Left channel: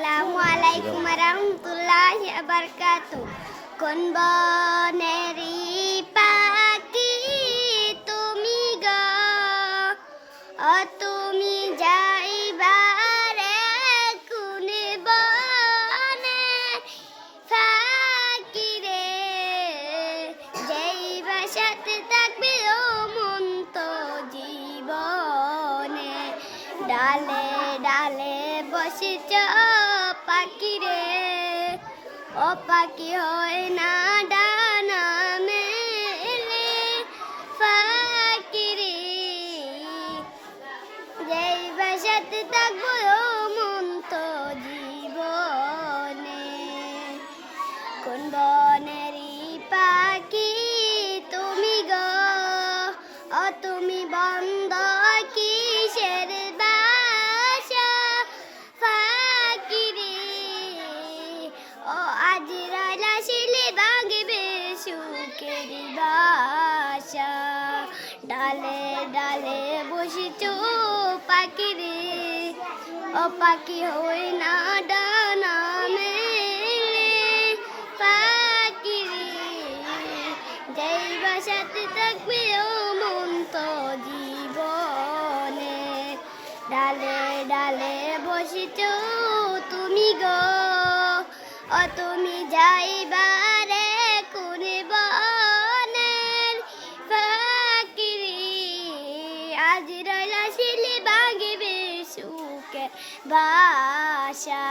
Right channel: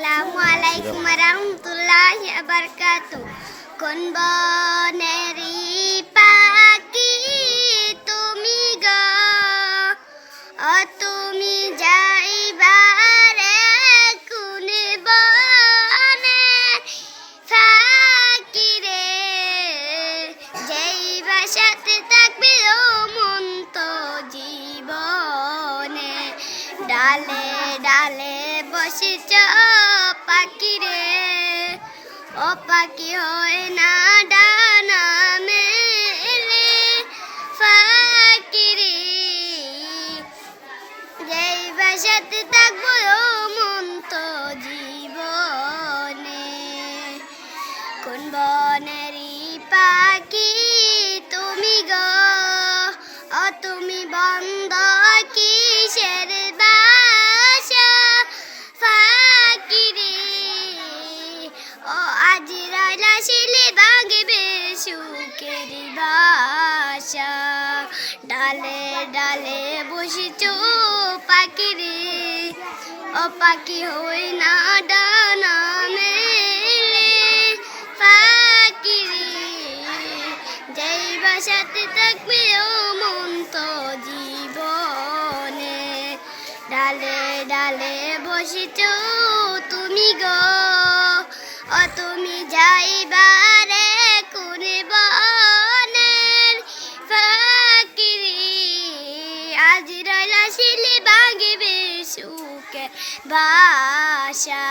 আসসালামু আলাইকুম রহমতুল্লাহ বারকাত কোন বনেরি পাখি তুমি গো? ও তুমি যাইবারে কোন বনে ফাঁকি রে? যেই বাসাতে থাকবে ও মন তো জীবনে ডালে ডালে বসেছ, পাখি রে। ও পাখি হয় না ডানা মেলে। ফাঁকি রে যেই বাসাতে থাকব ও মন তো জীবনে। কোন বনেরি পাখি তুমি গো? ও তুমি বন্ধ বাসা। ডালে ডালে বসেছ পাখি রে ও পাখি হই না ডানা মেলে। পাখি রে যেই বাসাতে থাকবে ও মন তো জীবনে। ডালে ডালে বসেছ তুমি গো। ও তুমি যাইবারে আজ রইলা শিলি ভাঙিবে সুখে বাসা